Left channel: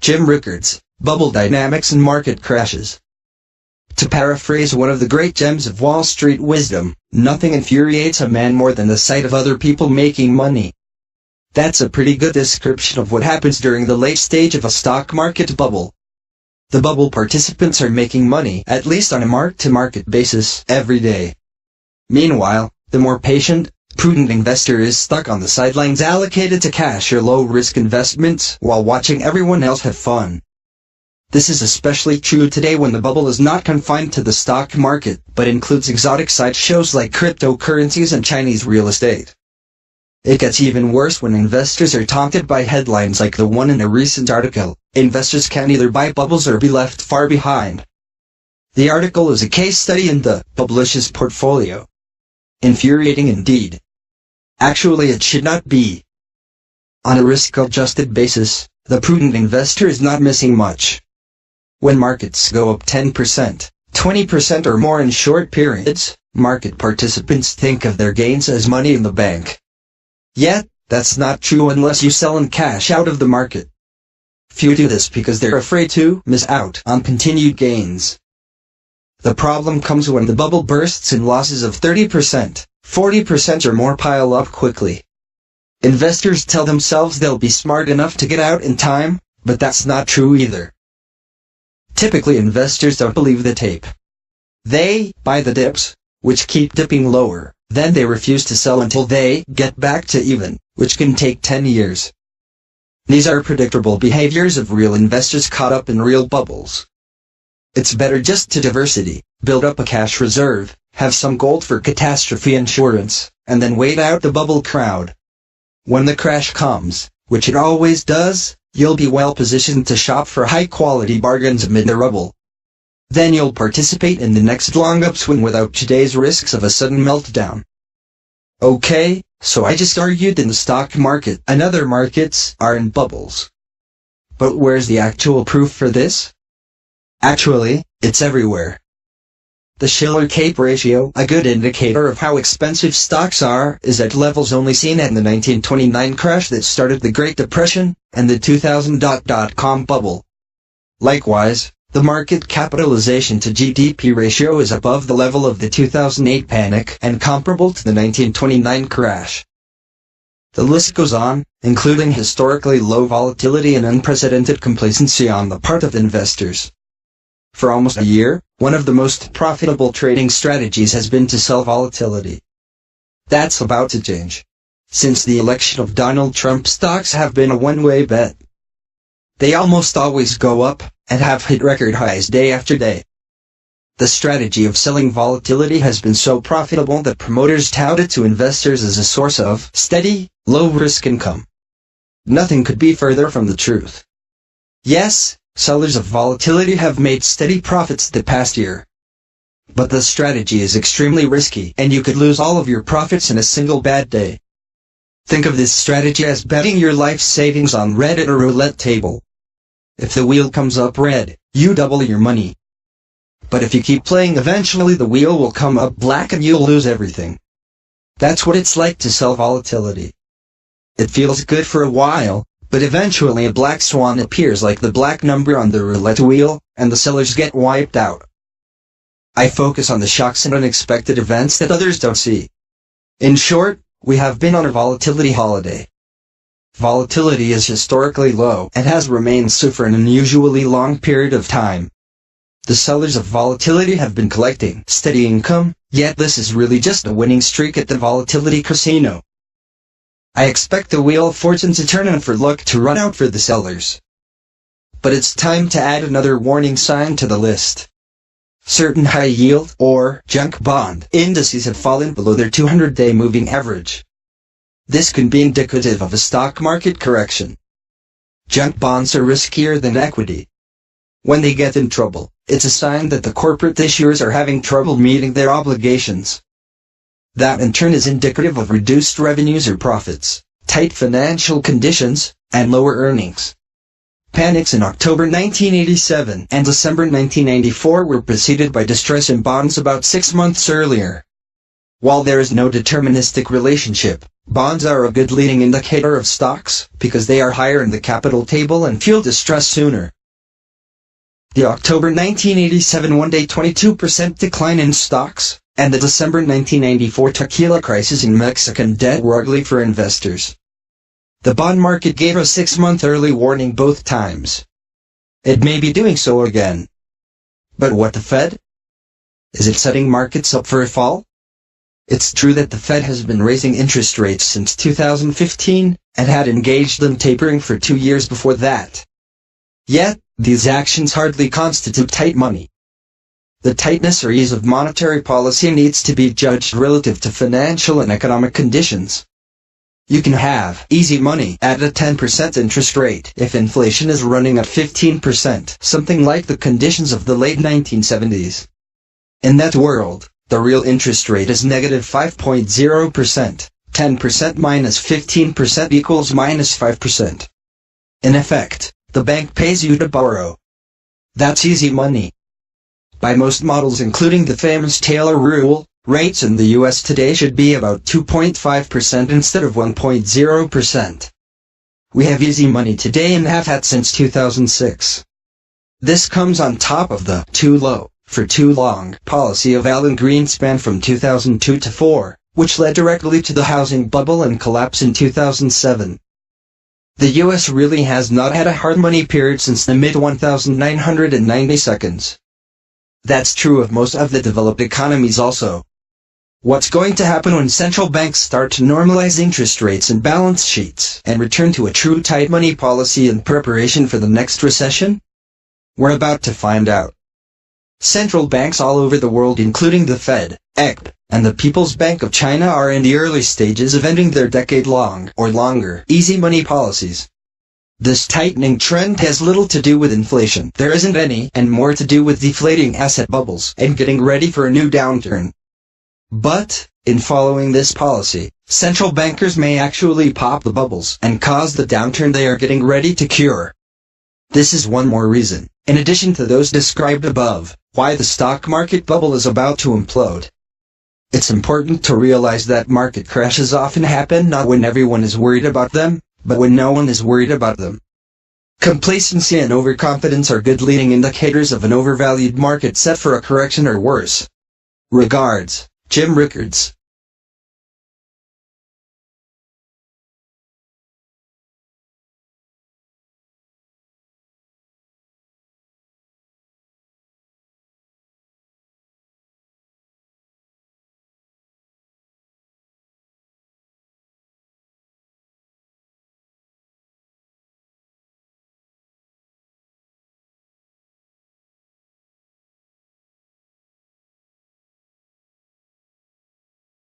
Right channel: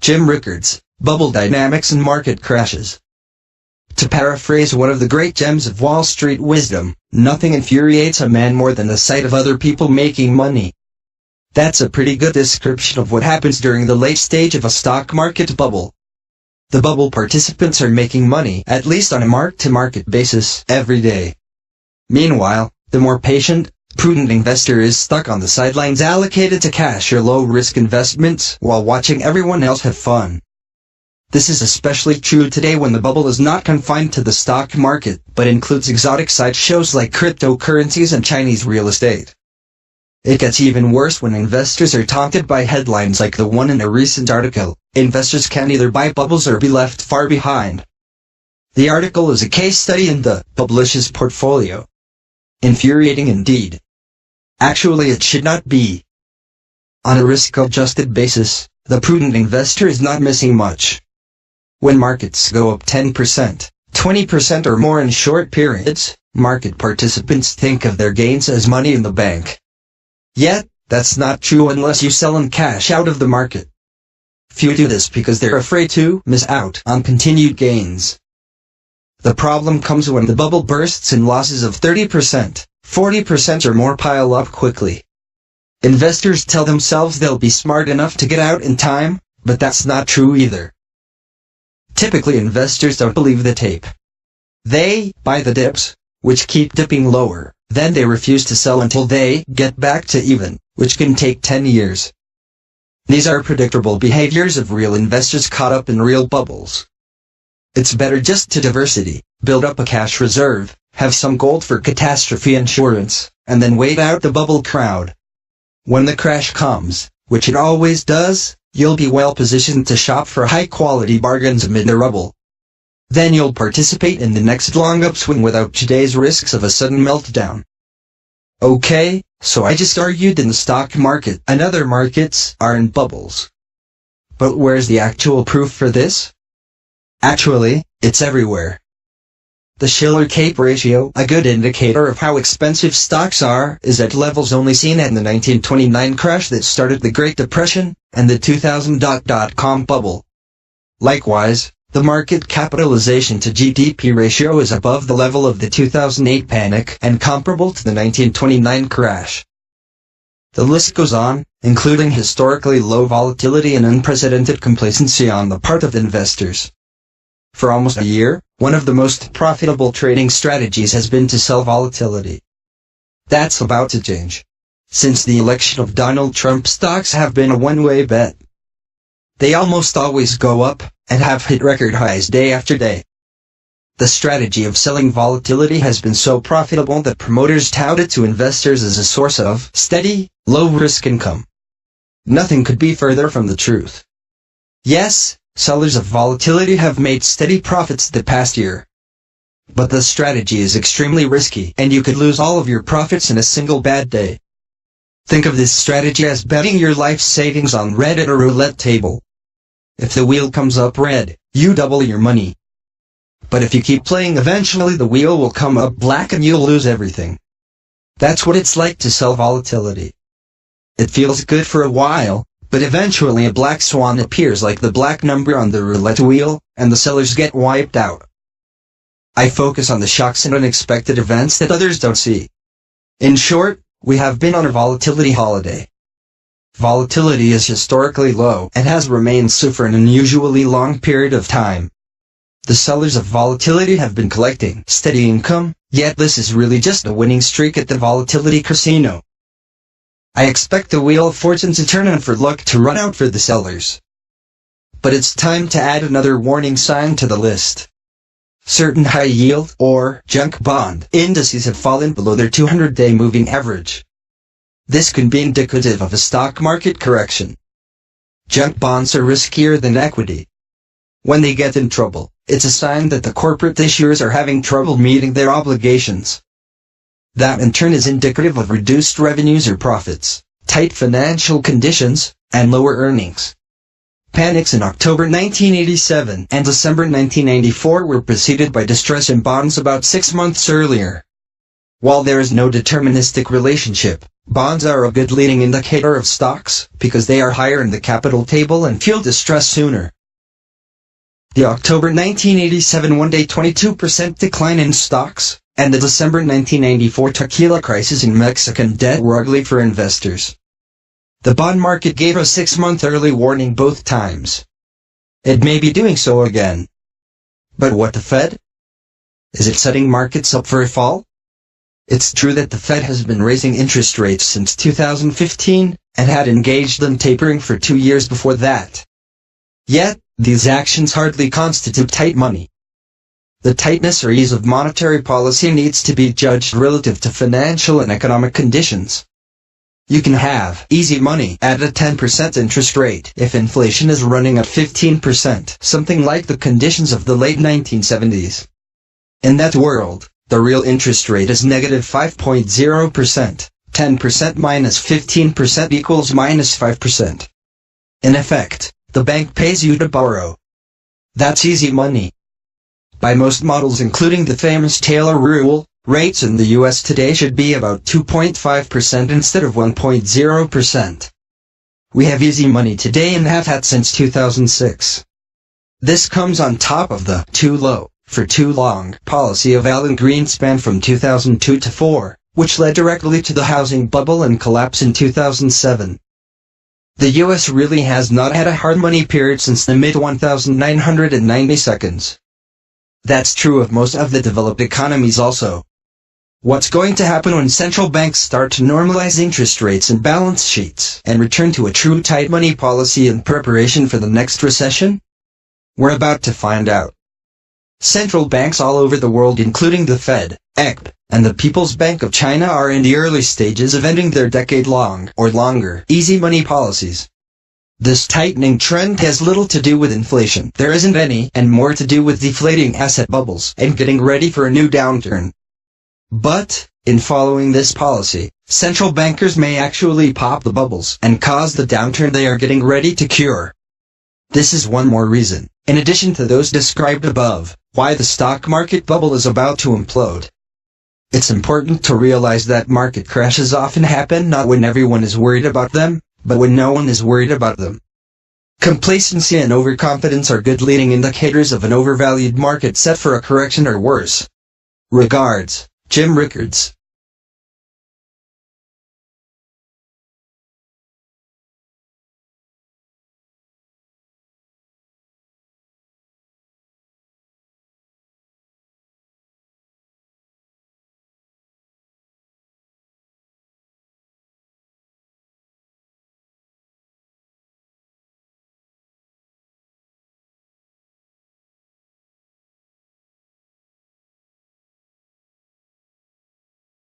Jim Rickards, Bubble Dynamics and Market Crashes. To paraphrase one of the great gems of Wall Street wisdom, nothing infuriates a man more than the sight of other people making money. That's a pretty good description of what happens during the late stage of a stock market bubble. The bubble participants are making money, at least on a mark-to-market basis, every day. Meanwhile, the more patient, prudent investor is stuck on the sidelines allocated to cash or low-risk investments while watching everyone else have fun. This is especially true today when the bubble is not confined to the stock market, but includes exotic sideshows like cryptocurrencies and Chinese real estate. It gets even worse when investors are taunted by headlines like the one in a recent article, "Investors can either buy bubbles or be left far behind." The article is a case study in the publisher's portfolio. Infuriating indeed. Actually, it should not be. On a risk-adjusted basis, the prudent investor is not missing much. When markets go up 10%, 20% or more in short periods, market participants think of their gains as money in the bank. Yet, that's not true unless you sell and cash out of the market. Few do this because they're afraid to miss out on continued gains. The problem comes when the bubble bursts and losses of 30%, 40% or more pile up quickly. Investors tell themselves they'll be smart enough to get out in time, but that's not true either. Typically, investors don't believe the tape. They buy the dips, which keep dipping lower. Then they refuse to sell until they get back to even, which can take 10 years. These are predictable behaviors of real investors caught up in real bubbles. It's better just to diversity, build up a cash reserve, have some gold for catastrophe insurance, and then wait out the bubble crowd. When the crash comes, which it always does, you'll be well positioned to shop for high-quality bargains amid the rubble. Then you'll participate in the next long upswing without today's risks of a sudden meltdown. Okay, so I just argued in the stock market and other markets are in bubbles. But where's the actual proof for this? Actually, it's everywhere. The Shiller-Cape ratio, a good indicator of how expensive stocks are, is at levels only seen in the 1929 crash that started the Great Depression and the 2000 dot-com bubble. Likewise, the market capitalization to GDP ratio is above the level of the 2008 panic and comparable to the 1929 crash. The list goes on, including historically low volatility and unprecedented complacency on the part of investors. For almost a year, one of the most profitable trading strategies has been to sell volatility. That's about to change. Since the election of Donald Trump, stocks have been a one-way bet. They almost always go up, and have hit record highs day after day. The strategy of selling volatility has been so profitable that promoters tout it to investors as a source of steady, low-risk income. Nothing could be further from the truth. Yes, sellers of volatility have made steady profits the past year. But the strategy is extremely risky, and you could lose all of your profits in a single bad day. Think of this strategy as betting your life savings on red at a roulette table. If the wheel comes up red, you double your money. But if you keep playing, eventually the wheel will come up black and you'll lose everything. That's what it's like to sell volatility. It feels good for a while, but eventually a black swan appears like the black number on the roulette wheel, and the sellers get wiped out. I focus on the shocks and unexpected events that others don't see. In short, we have been on a volatility holiday. Volatility is historically low and has remained so for an unusually long period of time. The sellers of volatility have been collecting steady income, yet this is really just a winning streak at the volatility casino. I expect the wheel of fortune to turn and for luck to run out for the sellers. But it's time to add another warning sign to the list. Certain high-yield, or junk bond, indices have fallen below their 200-day moving average. This can be indicative of a stock market correction. Junk bonds are riskier than equity. When they get in trouble, it's a sign that the corporate issuers are having trouble meeting their obligations. That in turn is indicative of reduced revenues or profits, tight financial conditions, and lower earnings. Panics in October 1987 and December 1994 were preceded by distress in bonds about 6 months earlier. While there is no deterministic relationship, bonds are a good leading indicator of stocks because they are higher in the capital table and feel distress sooner. The October 1987 one-day 22% decline in stocks, and the December 1994 tequila crisis in Mexican debt were ugly for investors. The bond market gave a 6-month early warning both times. It may be doing so again. But what the Fed? Is it setting markets up for a fall? It's true that the Fed has been raising interest rates since 2015, and had engaged in tapering for 2 years before that. Yet, these actions hardly constitute tight money. The tightness or ease of monetary policy needs to be judged relative to financial and economic conditions. You can have easy money at a 10% interest rate if inflation is running at 15%, something like the conditions of the late 1970s. In that world, the real interest rate is negative 5.0%, 10% minus 15% equals minus 5%. In effect, the bank pays you to borrow. That's easy money. By most models including the famous Taylor rule, rates in the US today should be about 2.5% instead of 1.0%. We have easy money today and have had since 2006. This comes on top of the too low for too long policy of Alan Greenspan from 2002 to 4, which led directly to the housing bubble and collapse in 2007. The US really has not had a hard money period since the mid-1990s. That's true of most of the developed economies also. What's going to happen when central banks start to normalize interest rates and balance sheets and return to a true tight money policy in preparation for the next recession? We're about to find out. Central banks all over the world including the Fed, ECB, and the People's Bank of China are in the early stages of ending their decade-long or longer easy money policies. This tightening trend has little to do with inflation. There isn't any, and more to do with deflating asset bubbles and getting ready for a new downturn. But, in following this policy, central bankers may actually pop the bubbles and cause the downturn they are getting ready to cure. This is one more reason, in addition to those described above, why the stock market bubble is about to implode. It's important to realize that market crashes often happen not when everyone is worried about them, but when no one is worried about them. Complacency and overconfidence are good leading indicators of an overvalued market set for a correction or worse. Regards, Jim Rickards.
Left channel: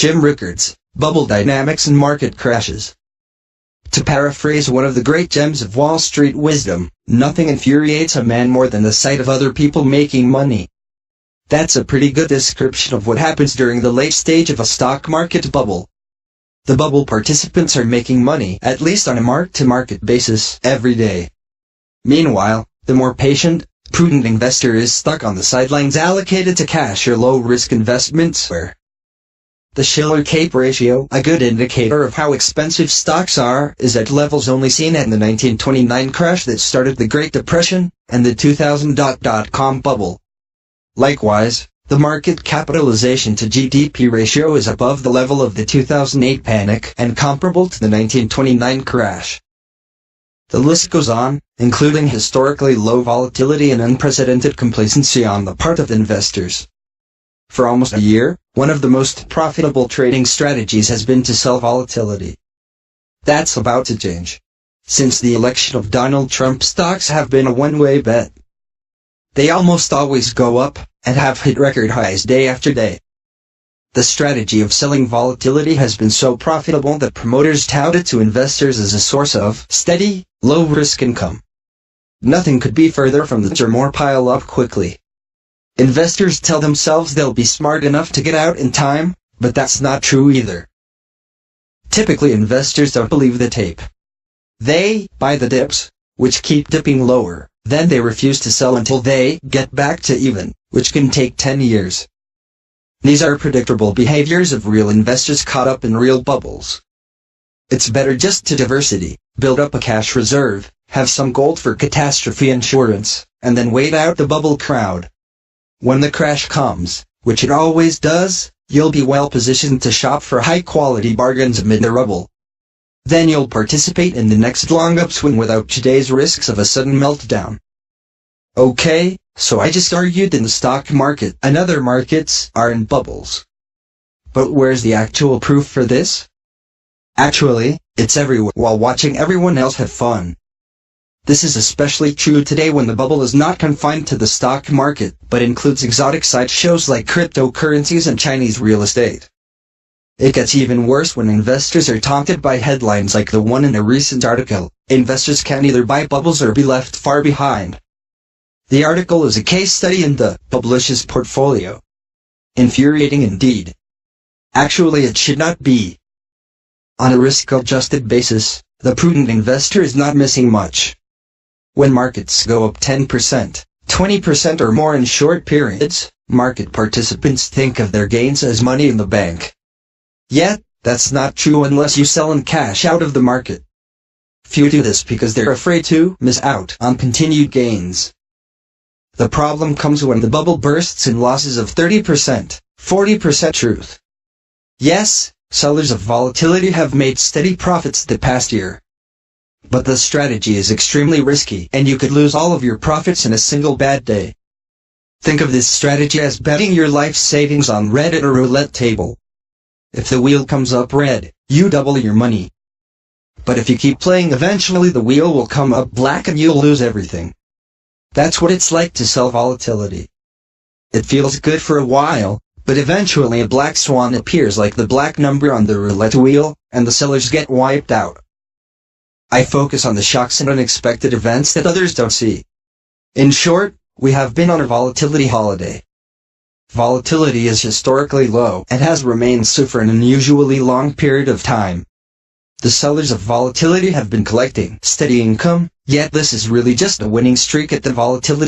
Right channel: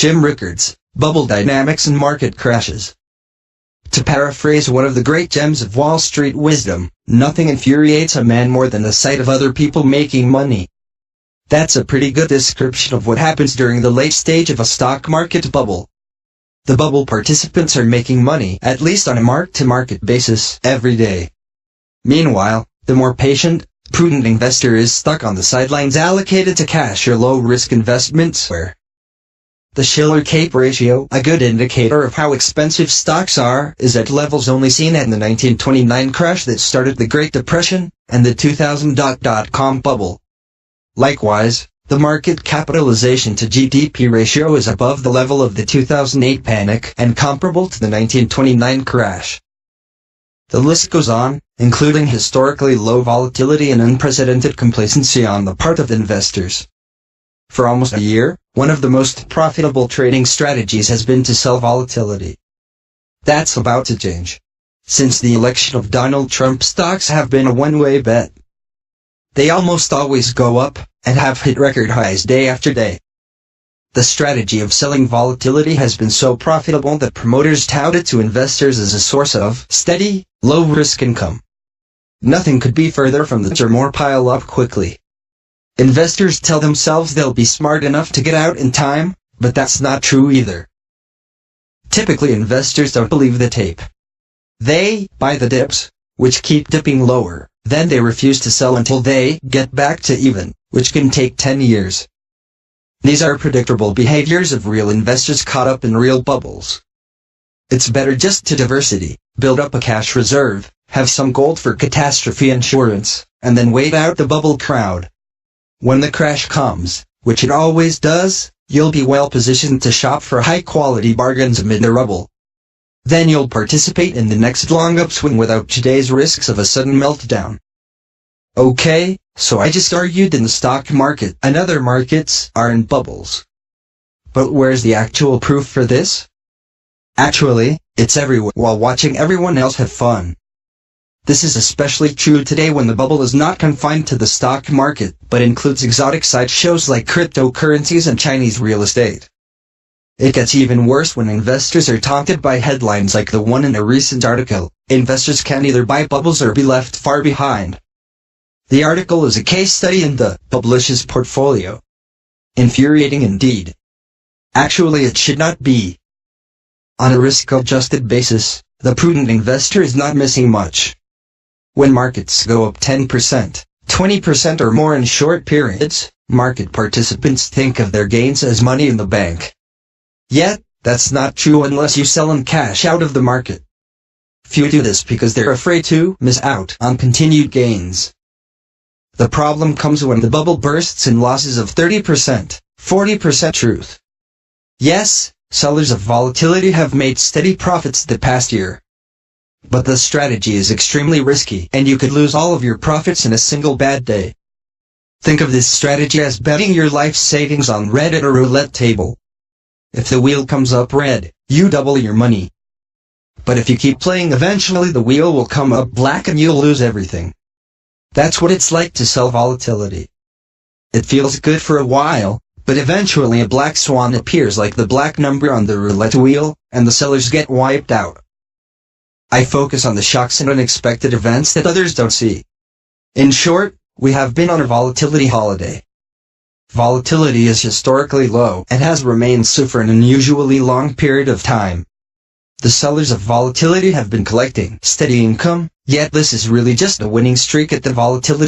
Jim Rickards, Bubble Dynamics and Market Crashes. To paraphrase one of the great gems of Wall Street wisdom, nothing infuriates a man more than the sight of other people making money. That's a pretty good description of what happens during the late stage of a stock market bubble. The bubble participants are making money, at least on a mark-to-market basis, every day. Meanwhile, the more patient, prudent investor is stuck on the sidelines allocated to cash or low-risk investments where the Shiller-Cape ratio, a good indicator of how expensive stocks are, is at levels only seen in the 1929 crash that started the Great Depression and the 2000 dot-com bubble. Likewise, the market capitalization to GDP ratio is above the level of the 2008 panic and comparable to the 1929 crash. The list goes on, including historically low volatility and unprecedented complacency on the part of investors. For almost a year, one of the most profitable trading strategies has been to sell volatility. That's about to change. Since the election of Donald Trump, stocks have been a one-way bet. They almost always go up, and have hit record highs day after day. The strategy of selling volatility has been so profitable that promoters tout it to investors as a source of steady, low-risk income. Nothing could be further from the truth, or more pile up quickly. Investors tell themselves they'll be smart enough to get out in time, but that's not true either. Typically, investors don't believe the tape. They buy the dips, which keep dipping lower, then they refuse to sell until they get back to even, which can take 10 years. These are predictable behaviors of real investors caught up in real bubbles. It's better just to diversity, build up a cash reserve, have some gold for catastrophe insurance, and then wait out the bubble crowd. When the crash comes, which it always does, you'll be well positioned to shop for high-quality bargains amid the rubble. Then you'll participate in the next long upswing without today's risks of a sudden meltdown. Okay, so I just argued in the stock market and other markets are in bubbles. But where's the actual proof for this? Actually, it's everywhere while watching everyone else have fun. This is especially true today when the bubble is not confined to the stock market, but includes exotic sideshows like cryptocurrencies and Chinese real estate. It gets even worse when investors are taunted by headlines like the one in a recent article, "Investors can either buy bubbles or be left far behind." The article is a case study in the publisher's portfolio. Infuriating indeed. Actually, it should not be. On a risk-adjusted basis, the prudent investor is not missing much. When markets go up 10%, 20% or more in short periods, market participants think of their gains as money in the bank. Yet, that's not true unless you sell and cash out of the market. Few do this because they're afraid to miss out on continued gains. The problem comes when the bubble bursts in losses of 30%, 40% truth. Yes, sellers of volatility have made steady profits the past year. But the strategy is extremely risky, and you could lose all of your profits in a single bad day. Think of this strategy as betting your life savings on red at a roulette table. If the wheel comes up red, you double your money. But if you keep playing, eventually the wheel will come up black and you'll lose everything. That's what it's like to sell volatility. It feels good for a while, but eventually a black swan appears like the black number on the roulette wheel, and the sellers get wiped out. I focus on the shocks and unexpected events that others don't see. In short, we have been on a volatility holiday. Volatility is historically low and has remained so for an unusually long period of time. The sellers of volatility have been collecting steady income, yet this is really just a winning streak at the volatility